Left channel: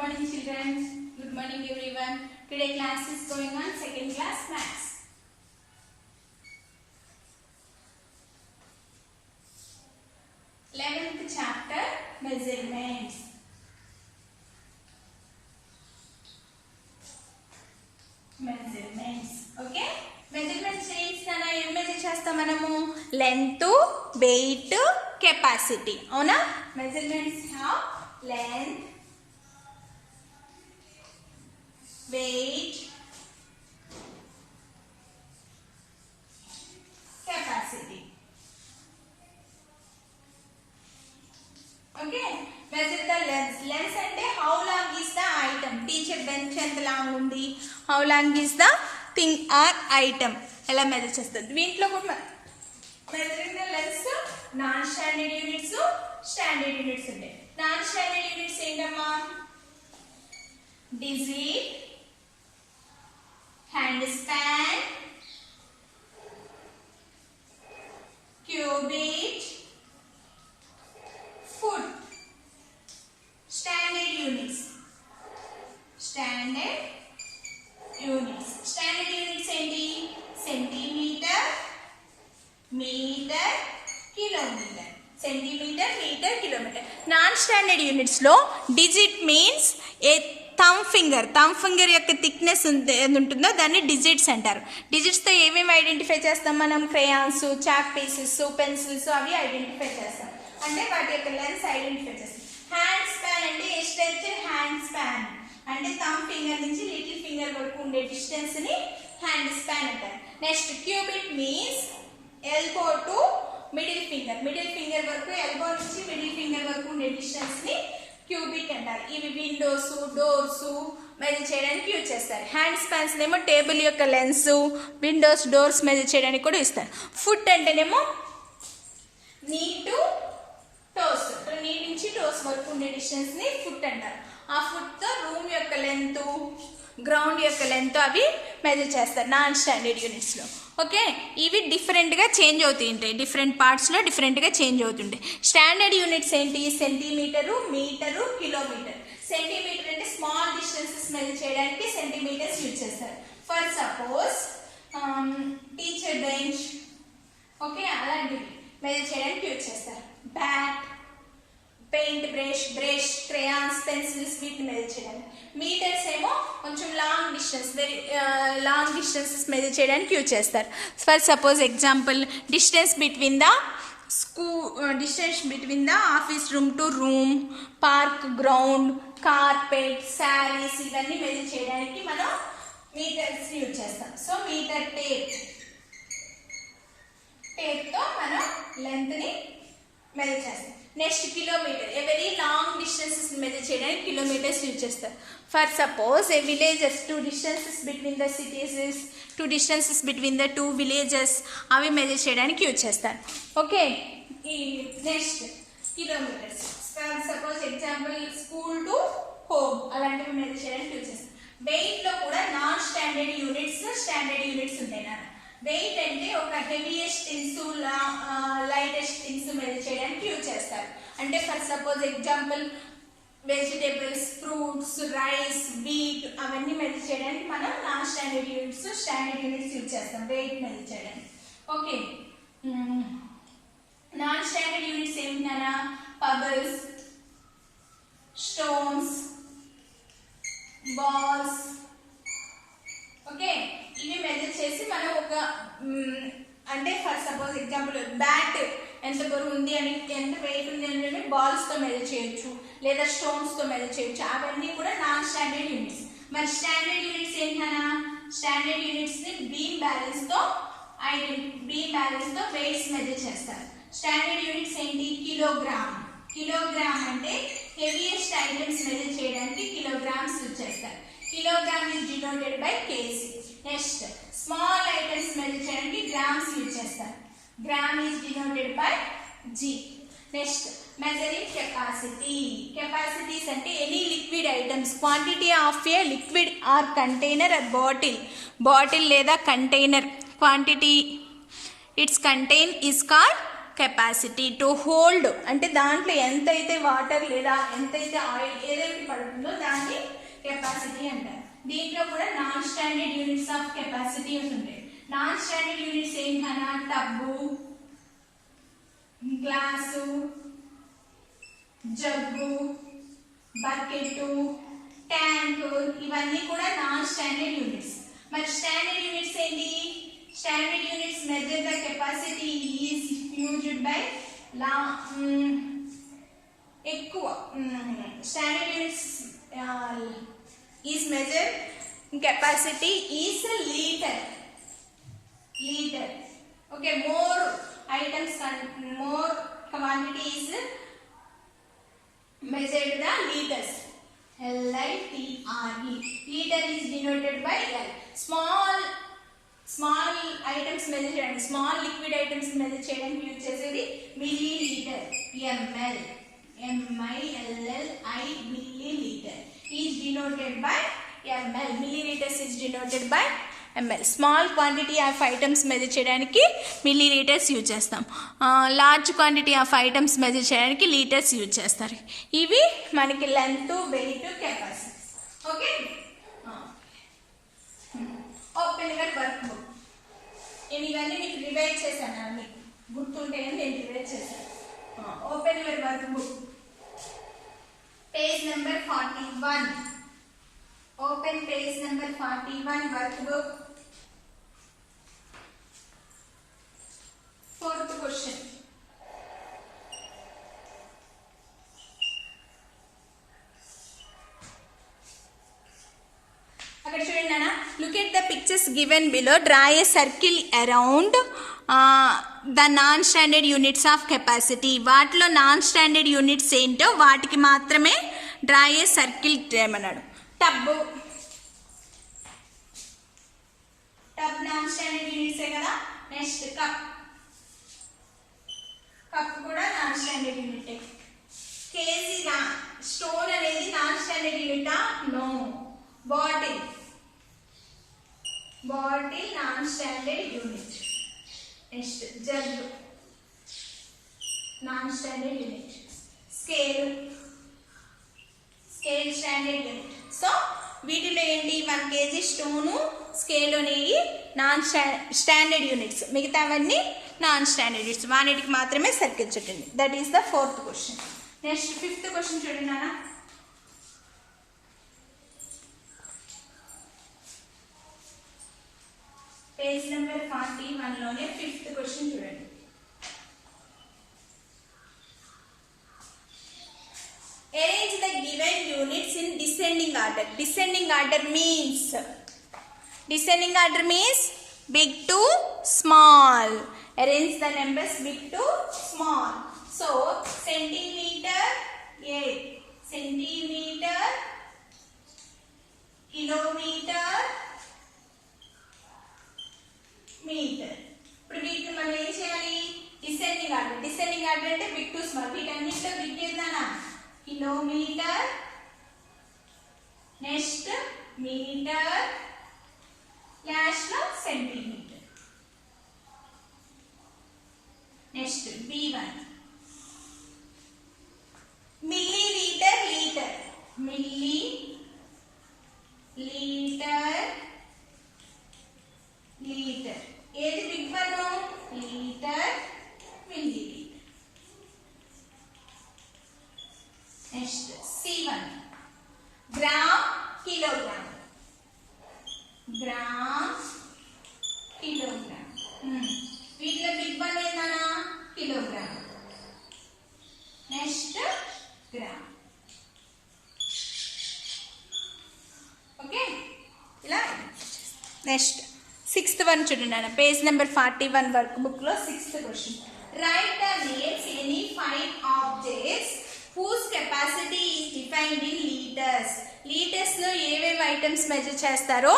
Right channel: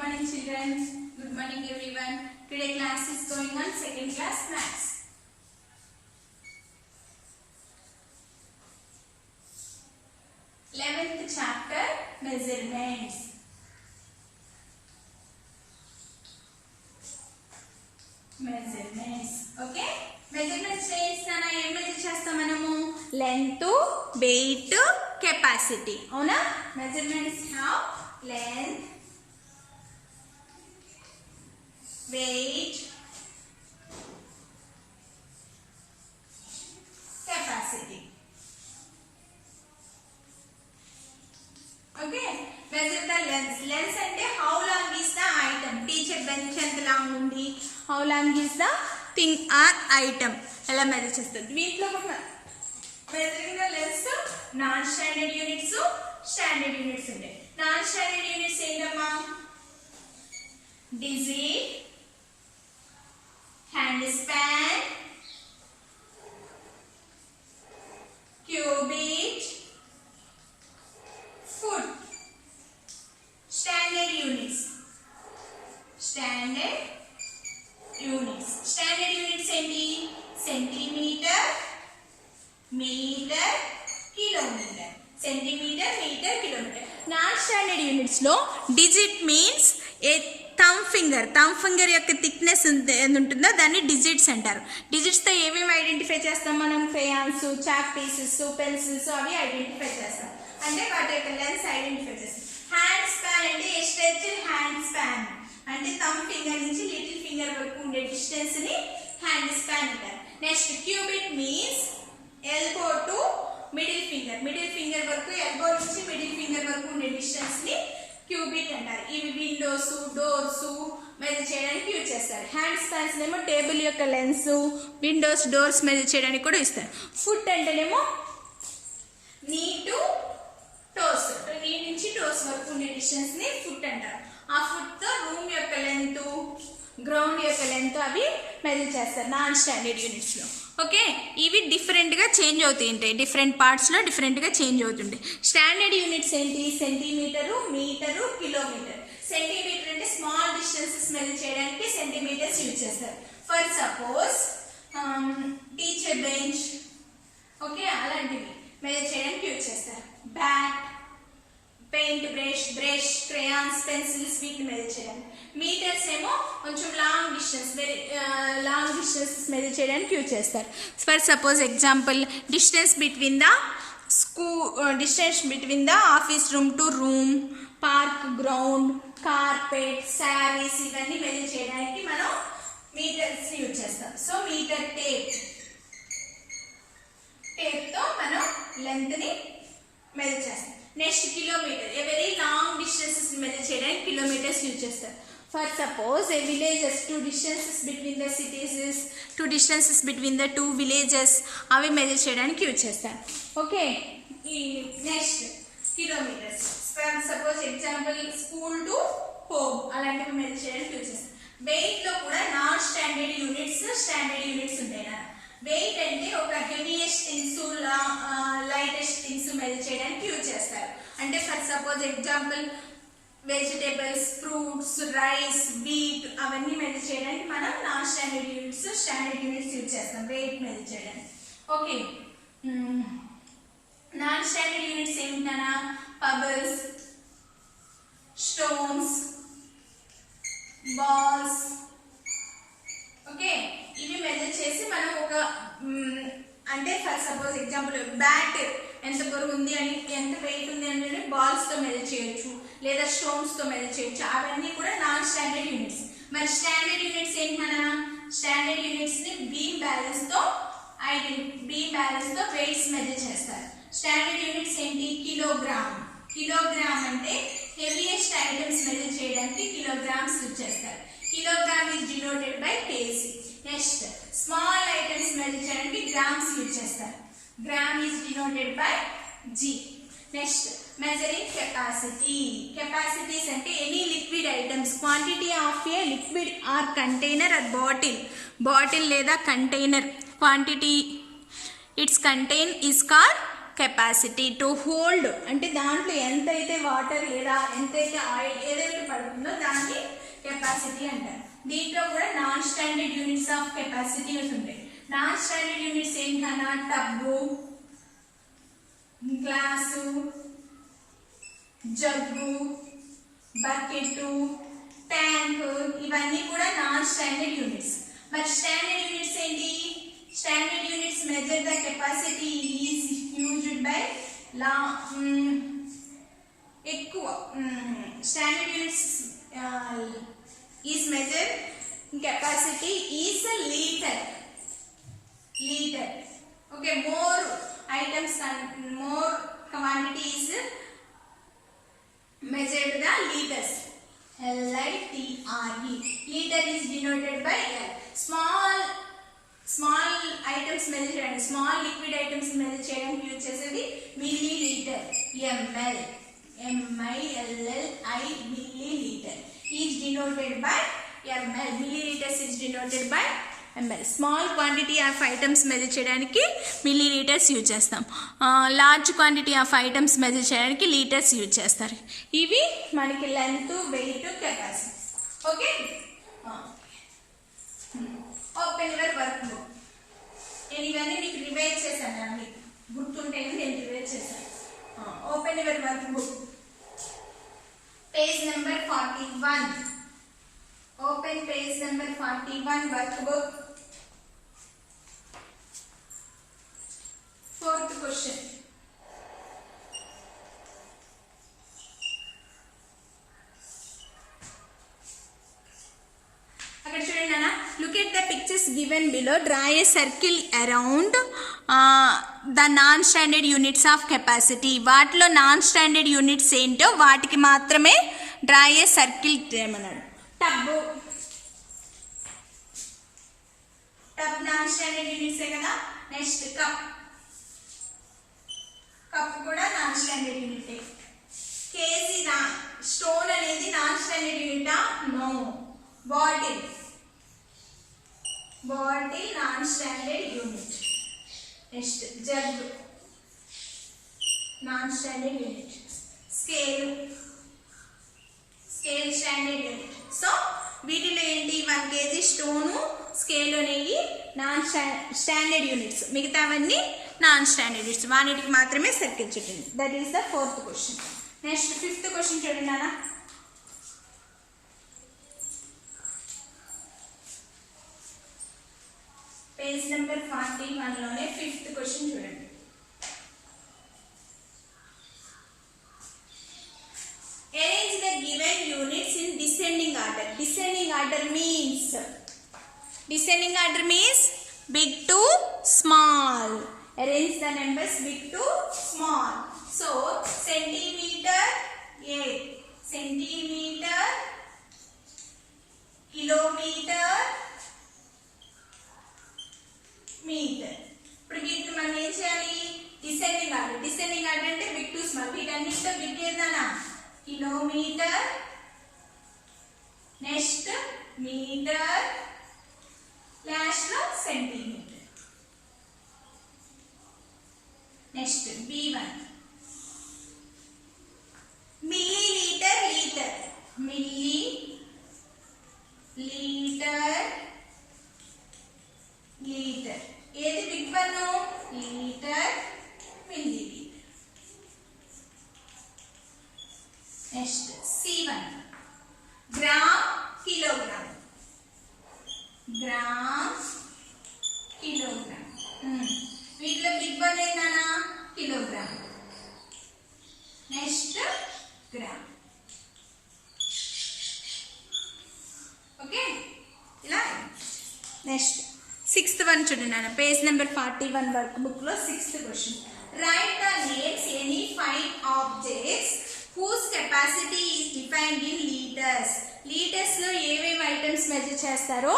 morning children. Good morning everyone. Today class is going on second class maths. Eleventh chapter measurements. Okay. Measurements means nana em measure chestam manamu length, weight, capacity. Avuna measurements have length, weight, capacity. Okay, measure the length. Length ante how long is the item? Teacher bench anta long undi. How long is the thing or item? Ela measure chestam. Veetlo kuda measuring the length non standard units, standard units unde. Non standard units entamma digit, hand span, cubit, foot. Standard units. Standard units. Standard units ఏంటి? Centimetre, metre, kilometre. Centimetre, metre, kilometre. Non standard units లో digit means a thumb finger యొక్క thickness ఉంటుందో దాన్ని digits అంటారు. Digits తో ఏమేమి identify చేస్తాం మనం? క్రేయాన్స్, చాక్ పీసెస్, పెన్సిల్స్ అవి ఐడెంటిఫై చేస్తాం. అంటే వాటి యొక్క లెన్స్ ఐడెంటిఫై చేస్తాం. హ్యాండ్ స్పాన్ అంటే ఎస్టెన్షన్ హ్యాండ్ స్పాన్ అంటే థమ్ ఫింగర్ నుంచి లిటిల్ ఫింగర్ వరకు ఉండే డిస్టెన్స్ ని హ్యాండ్ స్పాన్ అంటారు. Next cubit means elbow to middle finger వరకు, ఎల్బో నుంచి మిడిల్ ఫింగర్ వరకు ఉండే డిస్టెన్స్ ని క్యూబిట్ అంటారు. ఇవి విండోస్, డోర్స్ మెజర్ చేయడానికి యూజ్ చేస్తారు. హ్యాండ్ స్పాన్స్ ఏమో టేబుల్ యొక్క లెన్స్, విండోస్, డోర్స్ మెజర్ చేయడానికి కూడా ఇస్తారు. ఫుట్ అంటేనేమో నీ టు టోస్, నీ నుంచి టోస్ వరకు ఉండే డిస్టెన్స్ ని ఫుట్ అంటారు. ఆ ఫుట్ తో రూమ్ యొక్క లెంత్, గ్రౌండ్ యొక్క లెంత్ అవి మెజర్ చేస్తారు నాన్ స్టాండర్డ్ యూనిట్స్ లో. ఓకే, ఇవి డిఫరెంట్ గా చేంజ్ అవుతుంటాయి. డిఫరెంట్ పార్ట్స్ లో డిఫరెంట్ గా చేంజ్ అవుతుంటాయి. స్టాండర్డ్ యూనిట్స్ ఏంటి? Centimetre, metre, kilometre. సెంటీమీటర్ అంటే స్మాల్ డిస్టెన్సెస్ మెజర్ చేయడానికి సెంటీమీటర్స్ యూజ్ చేస్తారు. For suppose teacher bench, okay, అలాంటివి మెజర్ చేయడానికి యూజ్ చేస్తారు. Bat, paint brush, crayons, pencils వీటిని మెజర్ చేయడానికి. మీటర్స్ ఏమో కొంచెం లాంగ్ డిస్టెన్సెస్ మెజర్ చేయడానికి యూజ్ చేస్తారు. For suppose example distance between the office room to room, park, ground, carpet, saris ఇవన్నీ మెజర్ చేయడానికి మనం మీటర్స్ యూజ్ చేస్తాం. సో మీటర్ టేప్ తో మనం లెంత్ ని మెజర్ చేస్తాం. Next kilometre, very long distances measure చేయడానికి కిలోమీటర్స్ యూజ్ చేస్తారు. For suppose a villages, two distances between the two villages అవి మెజర్ చేయడానికి యూజ్ చేస్తారు. Okay, next kilometres. For suppose example school to home అలాంటివి measure చేయడానికి use చేస్తారు. Wait లో కూడా non standard units, standard units ఉంటాయి కదా. వెయిట్ అంటే ఒక heaviest things, lightest things measure చేయడానికి యూజ్ చేస్తారు. అంటే for suppose example vegetables, fruits, rice, wheat అవన్నీ మెజర్ చేయడానికి మనం non standard units, standard units use చేస్తాం వెయిట్ మెజర్ చేయడానికి. ఓకే, నాన్ స్టాండర్డ్ యూనిట్స్ ఏమిటన్నా పబుల్స్, స్టోన్స్, బాల్స్. ఓకే, ఇవి మెజర్ చేసి మనం ఒక అంటే ఫర్ సపోజ్ ఎగ్జాంపుల్ బ్యాట్ ఎంత బరువు ఉంది అని, ఎంత వెయిట్ ఉంది అనేది బాల్స్ తో మెజర్ చేయొచ్చు, లేదా స్టోన్స్ తో మెజర్ చేయొచ్చు. అవన్నీ కూడా నాన్ స్టాండర్డ్ యూనిట్స్. మరి స్టాండర్డ్ యూనిట్స్ ఏంటన్నా? స్టాండర్డ్ యూనిట్స్ ని బీమ్ బ్యాలెన్స్ తో వెయిట్స్ మెజర్ చేస్తారు. స్టాండర్డ్ యూనిట్స్ ఏంటి? కిలోగ్రామ్ అంటే హెవీయెస్ట్ ఐటమ్స్ మెజర్ చేయడానికి కిలోగ్రామ్స్ యూజ్ చేస్తారు. Kilogram is denoted by KG. Next small items measure చేయడానికి గ్రామ్స్ యూజ్ చేస్తారు. Gram is denoted by G. Next measuring capacity. Capacities అంటే any liquid items, quantity of a liquid or container or bottle లేదా container quantity it's contain is called capacity to hold అంటే దాంట్లో ఎంతైతే water లేదా ఎంతైతే oil ఏదైతే పడుతుందో దాన్ని కెపాసిటీ అంటారు. దీంట్లో కూడా non standard units of capacity ఉంటాయి. నాన్ స్టాండర్డ్ యూనిట్స్ ఏంటన్నా tub, glass, jug, bucket, tank ఇవన్నీ కూడా నాన్ స్టాండర్డ్ యూనిట్స్. మరి స్టాండర్డ్ యూనిట్స్ ఏంటి? Standard units measure the capacity is used by లా ఎక్కువ standard units is measure capacity is litre. Okay, more items and more quantity is measured the liters. L-I-T-R-E. Liter is denoted by L. Small items measure and small liquid items measure చేయడానికి use చేసేది milliliter. ml M-I-L-L-I milliliter is denoted by ml. Milliliters is denoted by ml. Small quantity of items measure చేయడానికి millilitres use చేస్తాం. Large quantity of items measure చేయడానికి litres use చేస్తారు. ఇవి మనకి length, weight, capacity. Okay, open your workbook. నేను ఇవన్నీ మీకు revise చేశాను, అన్ని గుర్తుంటేనే నేను రివైజ్ చేశాను. Open your work book, page number 41. Open page number 41 workbook. Fourth question. అక్కడ చూడండి నాన్న, look at the pictures given below. Draw a circle around the non-standard units of capacity. వాటిలో నాన్ స్టాండర్డ్ యూనిట్స్ ఏంటో వాటికి మాత్రమే draw a circle చేయమన్నాడు. Tub non standard యూనిట్సే కదా. నెక్స్ట్ కప్ కూడా non standard unit. KG stone అనేది non standard యూనిటా? No. Bottle non standard unit. Next jug non standard unit. Scale standard unit. So వీటిలో ఏంటి? 1 kg స్టోను, స్కేల్ అనేవి non standard units, మిగతావన్నీ non standard units. వాటికి మాత్రమే circle చుట్టండి. That is the 4th question. Next 5th question చూడండి నాన్న. Page number 41 లోనే 5th క్వశ్చన్ చూడండి. Arrange the given units in descending order. Descending order means big to small. Arrange the numbers big to small. So centimeter, kilometer, meter. ఇప్పుడు వీటిని మనం ఏం చేయాలి? Descending order అంటే బిగ్ టు స్మాల్. వీటన్నిటిలో big ఏదన్నా kilometre, next metre, last లో centimetre. Next B1 millilitre, litre. ఏది big one? Litre, millilitre. Next C1 gram, kilogram. వీటిలో బిగ్ వన్ ఏంటన్నా? కిలోగ్రామ్. Next gram. ఓకే, ఇలా. నెక్స్ట్ 6th one చూడండి అన్న. పేజ్ నెంబర్ 41 వర్క్ బుక్ లో 6th question. Right the names any 5 objects whose capacity is defined in liters. Litres లో ఏమేమి items measure చేస్తారో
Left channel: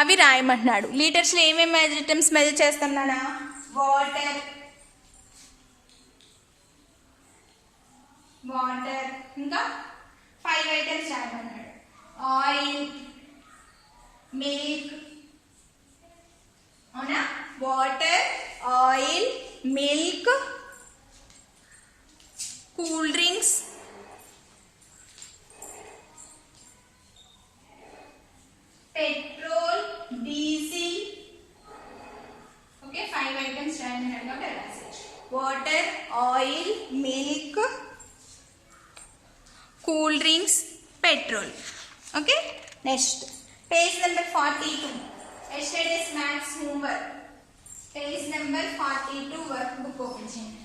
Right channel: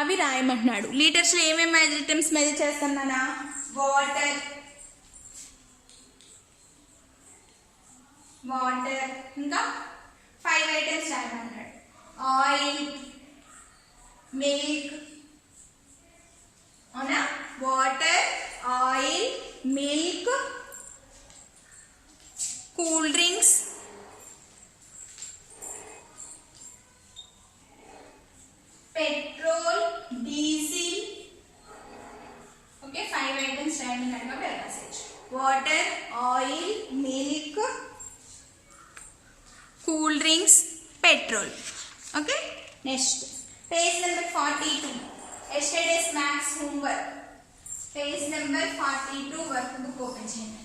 అవి రాయమంటున్నాడు. లీటర్స్ లో ఏమేమి ఐటమ్స్ మెజర్ చేస్తున్నానా? వాటర్, ఇంకా 5 ఐటమ్స్ రాయమన్నాడు. ఆయిల్, మిల్క్, అవునా? Water, oil, milk, cool drinks, petrol, diesel. Okay, 5 items రాయండి కాబట్టి రాసేయచ్చు. Water, oil, milk, cool drinks, petrol. Okay, next page number 42 yesterday's maths homework. Page number 42 work book open చేయండి.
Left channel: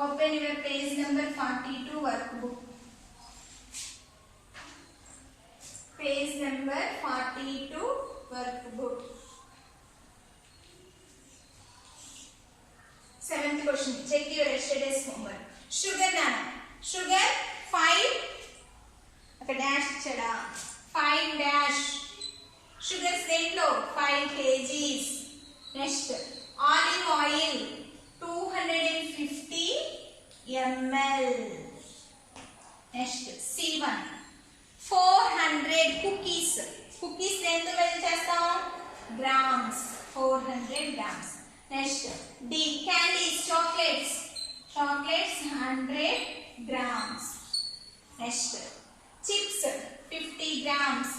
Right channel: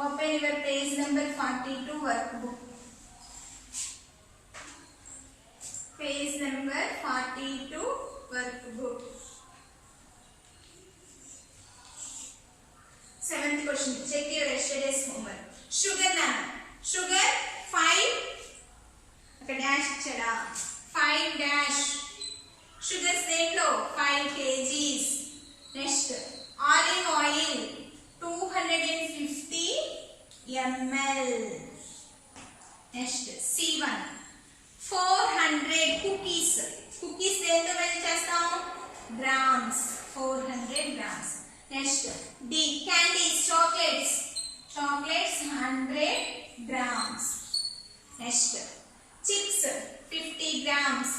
Open your page number 42 work book. Page number 42 work book. 7th question. Check your yesterday's homework. Sugar nano. Sugar 5. Okay, dash chada. 5 dash. Sugar snake lo 5 kgs. Next, olive oil 250 ml. Next, C1. 400 cookies. Cookies ఎంత well చేస్తాం? Grams. 400 grams. Next, D. Candies, chocolates. Chocolates 100 grams. Next, chips 50 grams.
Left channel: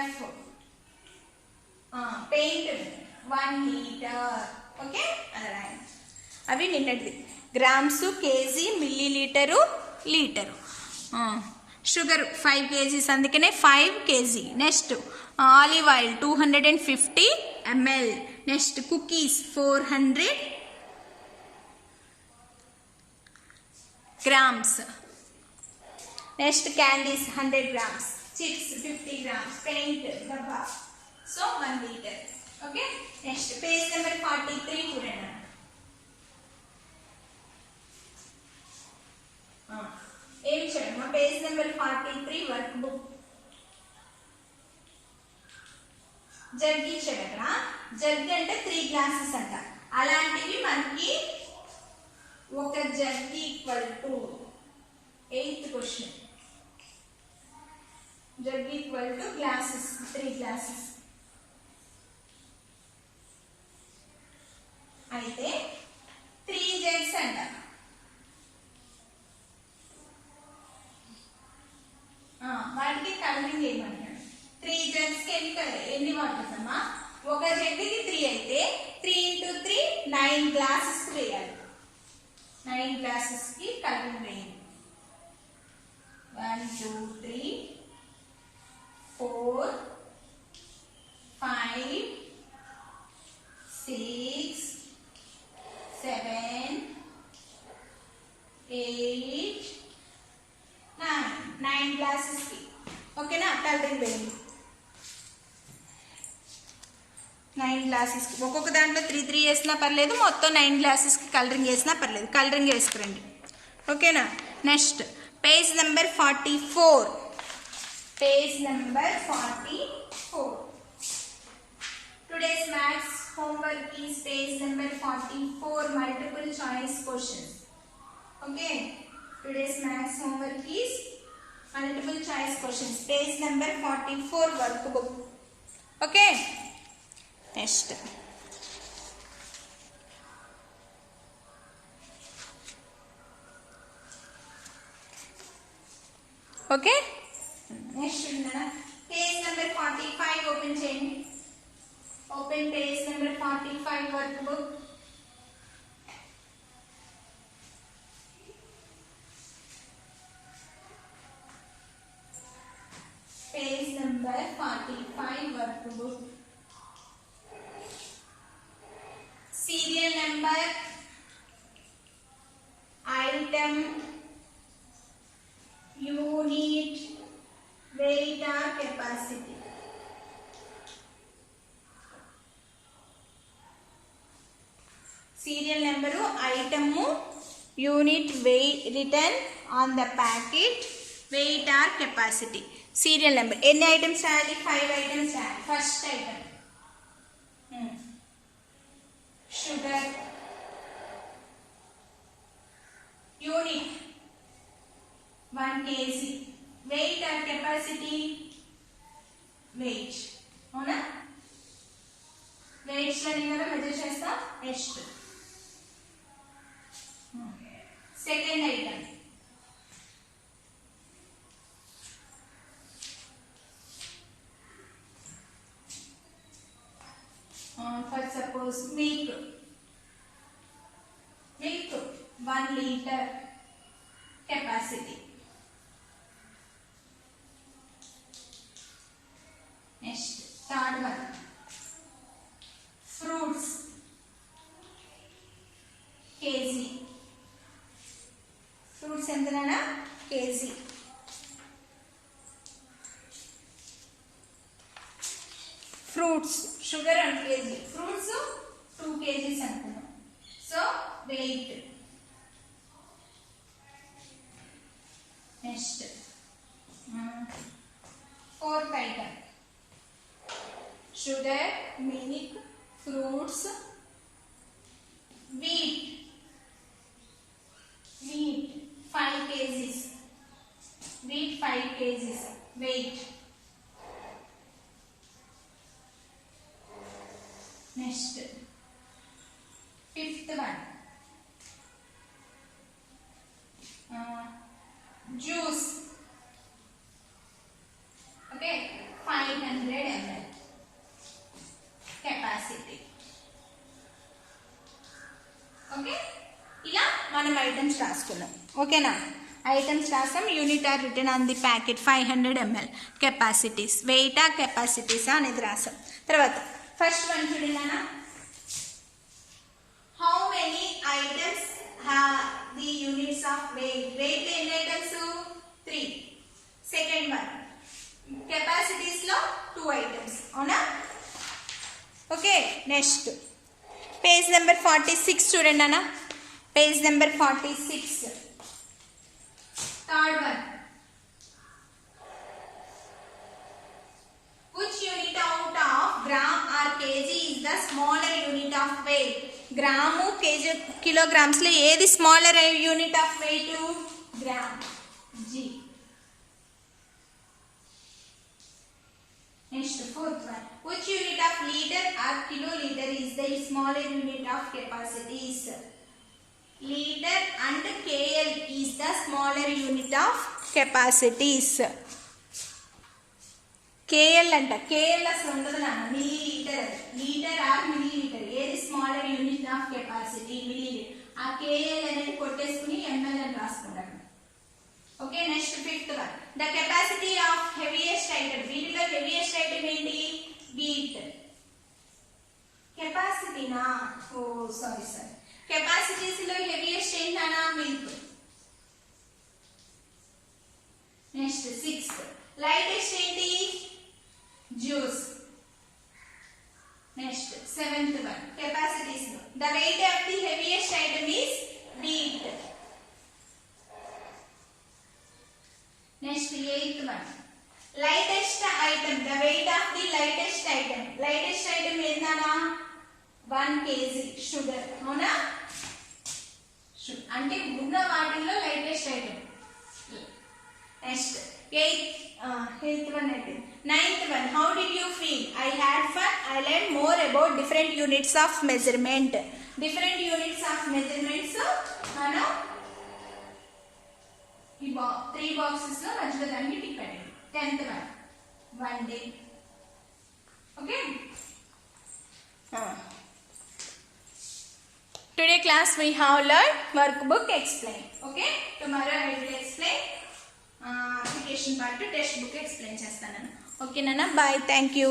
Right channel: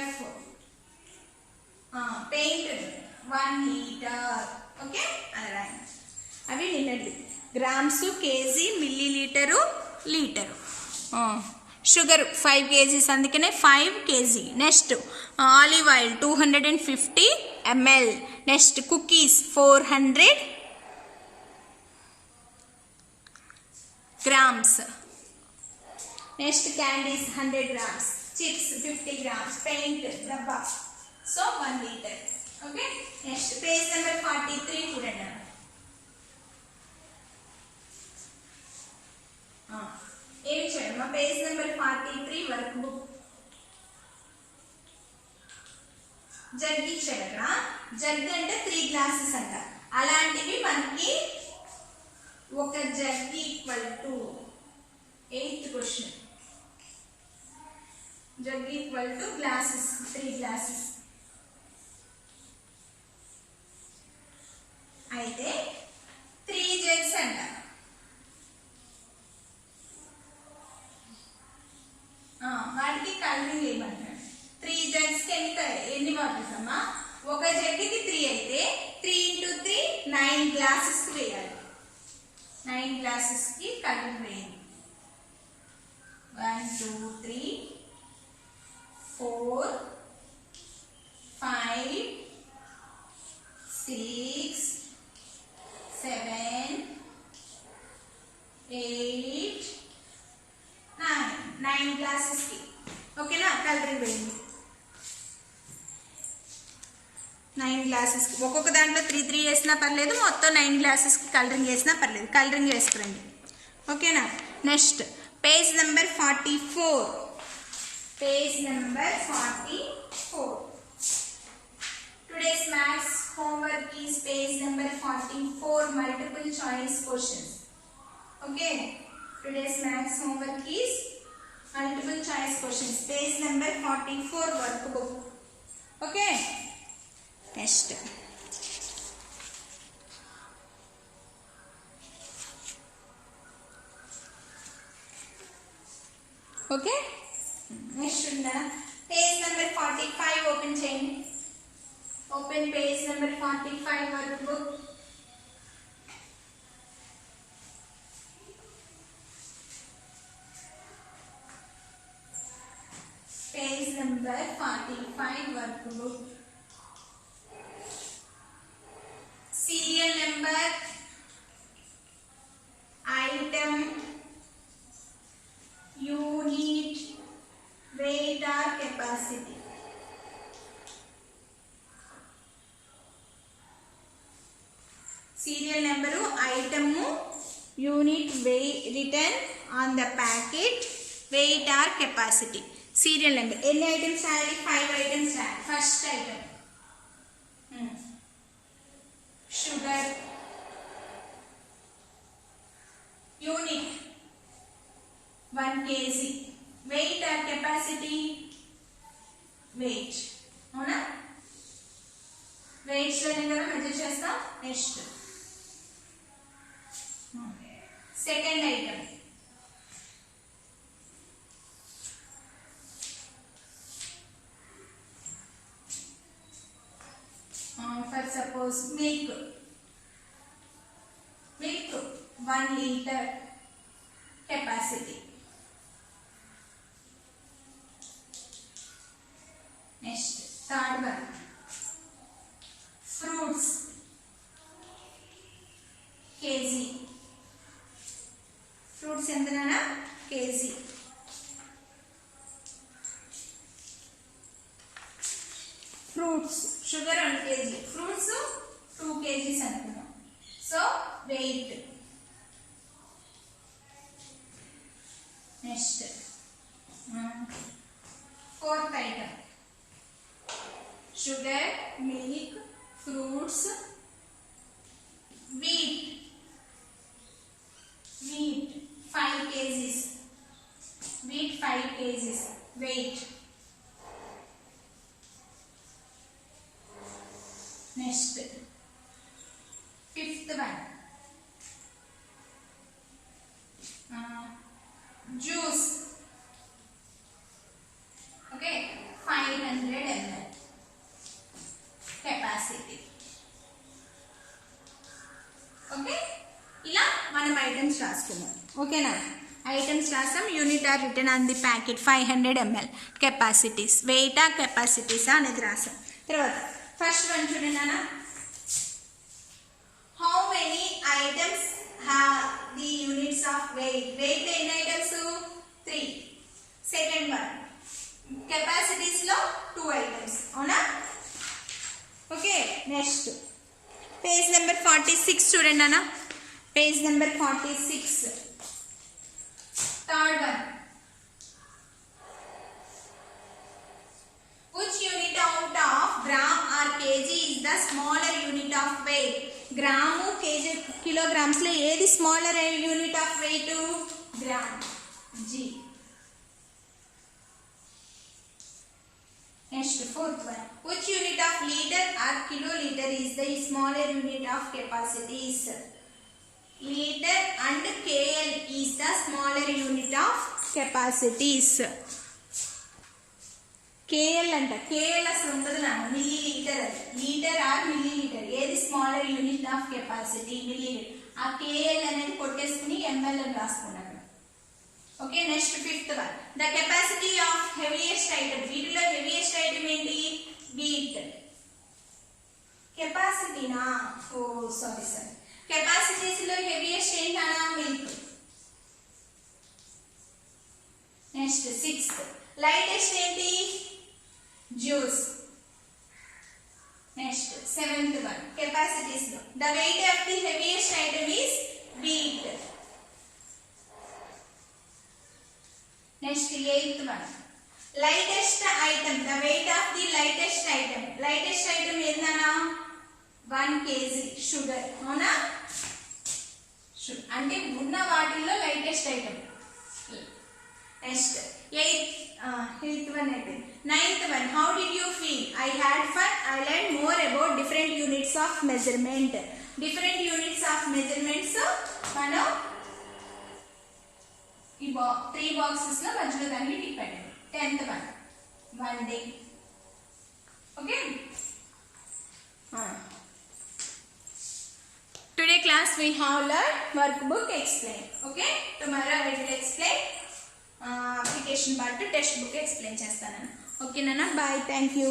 F. Paint 1 liter. Okay, alright. అవి నిన్నటిది. Grams, KG, millilitre, litre. Sugar 5 kgs, అందుకనే 5 kg. Next olive oil 250 ml. Next cookies 400 grams. Next candies 100 grams. Chips 50 grams. Paint డబ్బా. So 1 liter. Okay, next page number 43 చూడండి. ఏం చేయమ్మా? Page number 43 work book. Jug ఇచ్చాడు అక్కడ. Jug అంటే 3 glasses అంట. అలాంటివి మనకి ఒక jug equal to 8th question. Jug equal two glasses 3 glasses. అయితే 3 జగ్స్ అంట. వాటికి కలరింగ్ ఏమంటారు? 3 జగ్స్ కి ఎన్ని వాటర్స్ అమ్మా? ఒక జగ్కి 3 అయితే 3 × 3 9 గ్లాసెస్ కి వేయాలి. 9 గ్లాసెస్ కి కలరింగ్ వేయాలి. 1 2 3 4 5 6 7 8 9 గ్లాసెస్ కి. ఓకేనా? కలరింగ్ వేయండి. 9 గ్లాసెస్ కి ఒక్కొక్క దాంట్లో 3 3 వేసినా పర్లేదు, మొత్తం 9 గ్లాసెస్ కి కలరింగ్ వేసినా పర్లేదు. కలరింగ్ వేసుకురండి. ఓకేనా? Next page number 44. Page number 44. Today's maths homework is page number 44, multiple choice questions. Okay, today's maths homework is multiple choice questions, page number 44 workbook. Okay, next okay, next page number 45 open cheyandi. Open page number 45 workbook. Page number 45 workbook. Serial number, item, unit, weight or capacity. Serial number, item, unit, weight written on the packet, weight or capacity. Serial number. Any items రాయాలి? 5 items రాయాలి. First item sugar. Unit 1 kg. Weight or capacity? Weight. అవునా? Weights లో నేను measure చేస్తా. Next second item for suppose milk 1 liter capacity. Next third one fruits kg. Fruits ఎంతనా kg. Fruits sugar on kg, fruits 2 kgs అనుకున్నాం. So weight. Next fourth item sugar, milk, fruits, wheat 5 kgs, wheat 5 kgs weight. Next fifth one juice, okay, 500 ml capacity. Okay, ఇలా మనం items రాసుకున్నాం. ఓకేనా, items రాసాం. Unit are written on the packet 500 ml capacities. వెయిటా కెపాసిటీసా అనేది రాసాం. తర్వాత ఫస్ట్ వన్ చూడండి నాన్న, how many items have the units of weight. Weight లో ఎన్ని ఐటమ్స్? 3. సెకండ్ వన్ కెపాసిటీస్ లో 2 ఐటమ్స్. అవునా? ఓకే, నెక్స్ట్ పేజ్ నెంబర్ 46 చూడండి అన్న. Page number 46 third one, which unit out of gram or kg is the smaller unit of weight. Gram kg kilograms లో ఏది smaller unit of weight? Gram, g. Next fourth one, which unit of liter or kiloliter is the smaller unit of capacities? Liter and kl is the smaller unit of capacities. kl అంట, kl అసలు ఉండదు నా, millilitre. అది litre or millilitre, ఏది smaller unit of capacity? Millilitre. ఆ kl అనేది కొట్టేసుకుని ml అని రాసుకుంటాం. Okay, next fifth one, the capacity of heaviest item. వీటిలో హెవీయెస్ట్ ఐటమ్ ఏంటి? వీట్. కెపాసిటీనా? ఓ సారీ సార్, కెపాసిటీస్ లో హెవీయెస్ట్ ఏంటన్నా? మిల్క్. నెక్స్ట్ సిక్స్త్, లైటెస్ట్ ఏంటి? Juice. Next seventh one, capacities లో the weight of the heaviest item is wheat. Next eighth one, lightest item, the weight of the lightest item. Lightest item ఏందన్నా? 1 kg sugar. అవునా? అంటే ఉన్న వాటిల్లో lightest item. Next eighth one అయిపోయింది. Ninth one, how did you feel? I had fun, I learn more about different units of measurement. Different units of measurements మనం ఈ 3 boxes లో మధ్యలో దానికి టిక్ పెట్టండి. 10th one, 1 day. Okay, today class we have learned workbook explain. Okay, tomorrow I will explain application part, textbook explain చేస్తాను. Okay నాన్న, bye, thank you.